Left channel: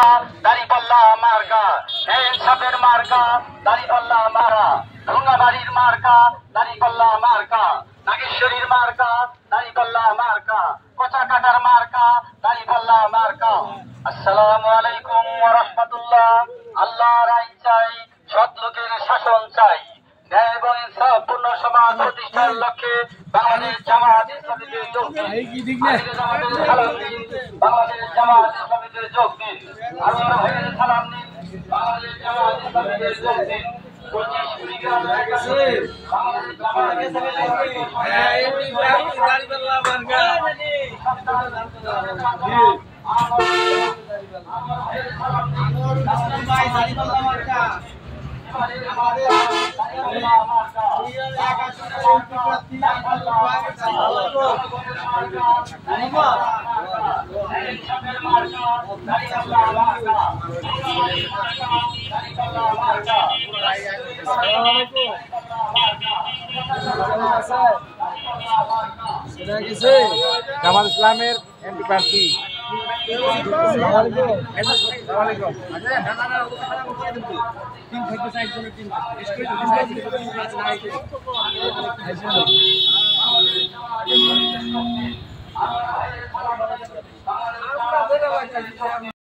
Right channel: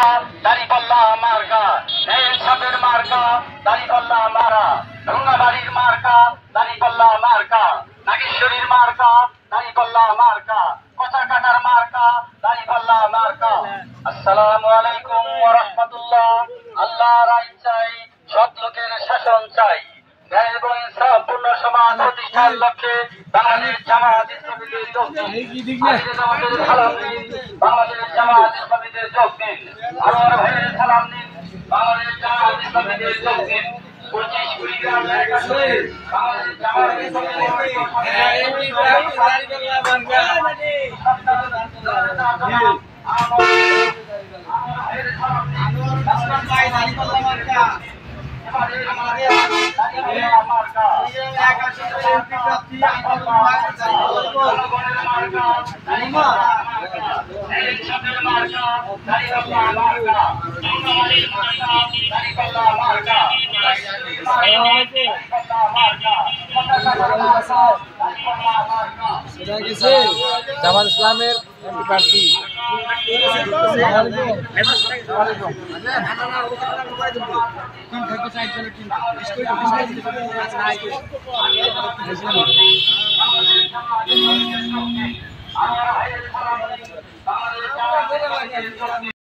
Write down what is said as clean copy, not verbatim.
মার্কা দাঁড়িপাল্লা মার্কা, ইনসাফের মার্কা দাঁড়িপাল্লা মারা, ঢুঙ্গাবাড়ির মার্কা দাঁড়িপাল্লা মার্কা, নাগেশ্বরীর মার্কা দাঁড়িপাল্লা মার্কা, কচাকাটার মার্কা দাঁড়িপাল্লা মার্কা। আসসালামু আলাইকুম ওয়া রাহমাতুল্লাহ। আল্লাহর আইন চাই, সৎ লোকের শাসন চাই, ন্যায় এবং ইনসাফপূর্ণ সমাজ প্রতিষ্ঠার লক্ষ্যে বাংলাদেশ জামাত ইসলামীতে যোগ দিন। বাংলাদেশ জামাত ইসলামীতে যোগ দিন। আমার ভাইয়ের সালাম দিন। বাংলাদেশ জামাত ইসলামীতে যোগ দিন। 25 কুড়িগ্রাম একাশে বাংলাদেশ জামাত জামাত ইসলামের এমপি প্রার্থী